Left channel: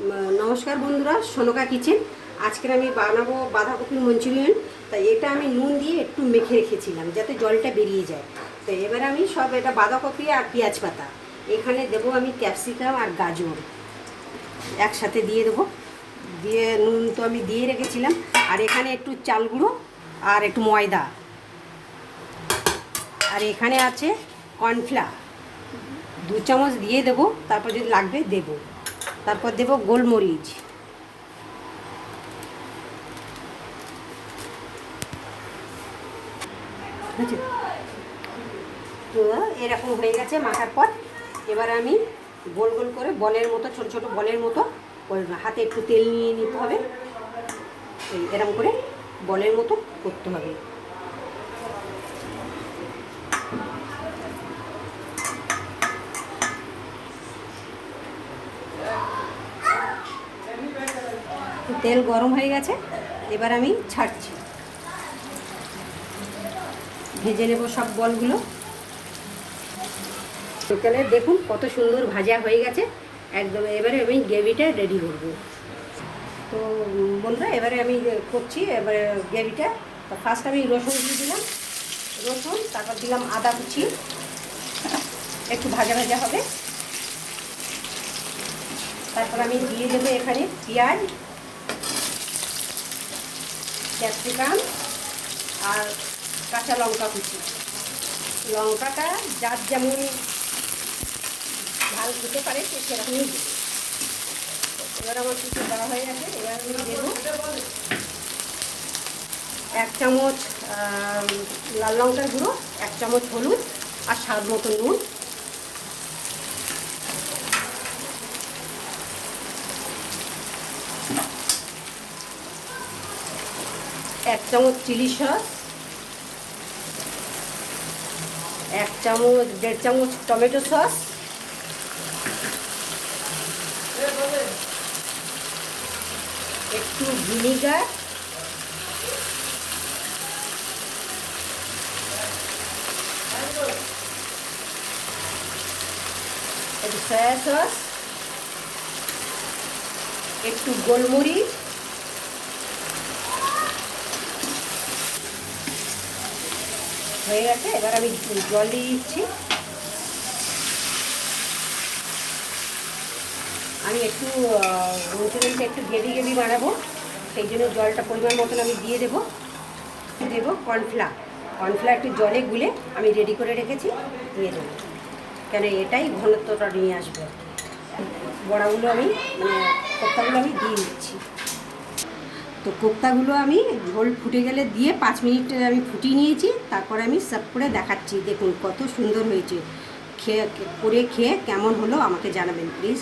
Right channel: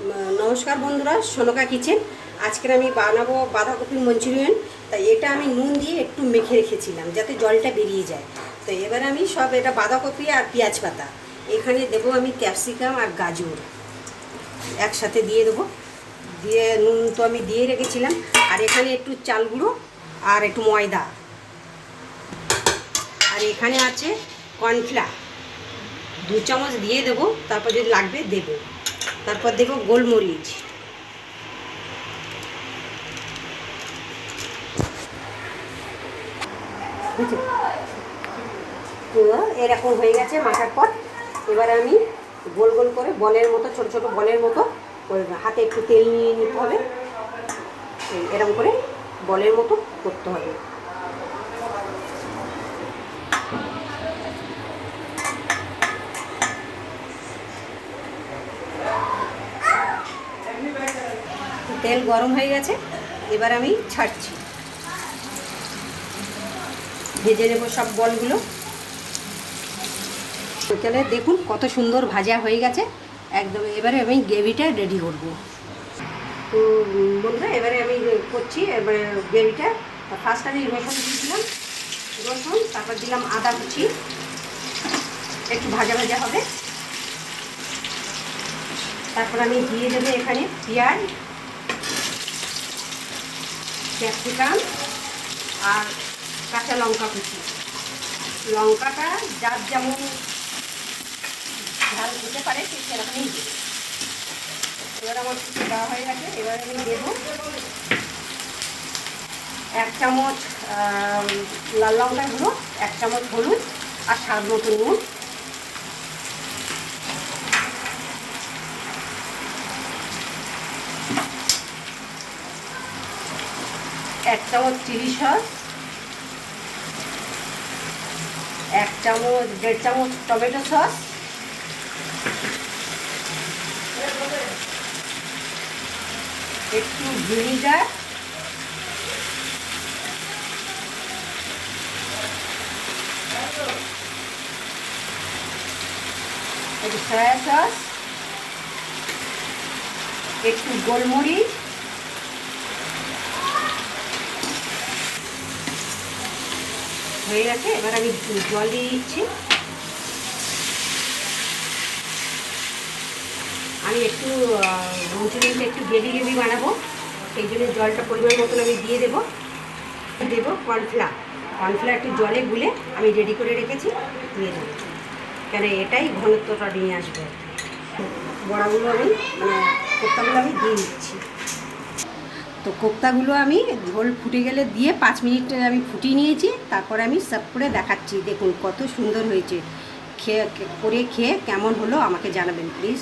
নমস্কার বন্ধুরা, সোনকা কিচেন। আজকের আমি বানাবো বাঁধাকপির মঞ্চুরিয়ান। তাই এটা আমি নুন দিয়ে একটু মেখে রেখেছিলাম যাতে জলটা বেরিয়ে যায়। তো এবার আমি সব এটা বাঁধাকপি আর পেঁয়াজ পাতা এখানে দেবো, আমি ক্যাপসিকাম আর গাজর একসাথে দিয়ে দেবো। দিয়ে নুন তো আমি দিয়ে রেখেছিলাম, আর এখানে একটু চাল গুঁড়ো আর একটু ময়দা, আর এখানে আছে কর্নফ্লাওয়ার 2 চামচ দিয়ে দেবো। তারপর যদি লাগবে দেবো। তারপর দেবো গোলমরিচ, তো এরকম হয়ে গেছে মাখার পর। এবার আমি গোল গোল করে বলের মতো, ছোট ছোট বলের মতো হাতে একটু তেল নিয়ে নিতে হবে। এরকম করে বলের মতো করতে হবে। তেল গরম হয়ে গেছে, এবার আমি ছাড়ছি। ভেজে নেব সব বলগুলো। তেলে দেখুন কত সুন্দর ভাজা হয়ে গেছে একদম। এবারে আমি গ্রেভিটা রেডি করব। তো বন্ধুরা, এবারে আমি করছি এবারে গ্রেভিটা। ফার্স্ট আমি রসুন দিয়ে দিলাম, রসুন, তারপর দিলাম আদা কুচি, একটু ভাজা ভাজা হবে। তারপর আমি দিয়ে দেবো এখানে পেঁয়াজ, ক্যাপসিকাম আর কাঁচা লঙ্কা কুচি। লঙ্কাটা যার যেমন ঝাল দিতে পারে সে সেরকমই দেবে। এবার আমার কিছু দেওয়া হয়ে গেছে। এবার আমি দেবো 1 চামচ লাল লঙ্কার গুঁড়ো, 1 চামচ হলুদ আর স্বাদ মতো নুন। এক চামচ চিলি সস, 1.5 চামচ টমেটো সস, একটু ভিনিগার, একটু সয়া সস, একটু গোলমরিচ, হয়ে গেছে। এবার আমি জল দিয়ে দিচ্ছি। আমি একটু মঞ্চুরিয়ানটা একটু গ্রেভি গ্রেভি বানাবো, সেই জন্য জলটা পরিমাণ মতন আমি দিয়ে দেবো। কর্নফ্লাওয়ার একটু জলে গুলে আমি রেডি করে রেখেছি, দিয়ে দেবো। কেন এটাই ঘনত্বটা নিয়ে আসবে। বড়াগুলো আমি কোপ্তাগুলো আমি দিয়ে দিচ্ছি। তো কোপ্তাগুলো আমি ঝোল ফুটে গেলে দিয়ে 5 মিনিট আমি ফুটিয়ে নিয়েছি। তারপর আমি সার্ভ করে দেখাচ্ছি। দেখুন কত সুন্দর হয়েছে। খেয়ে কেমন হলো আমাকে জানাবেন প্লিজ।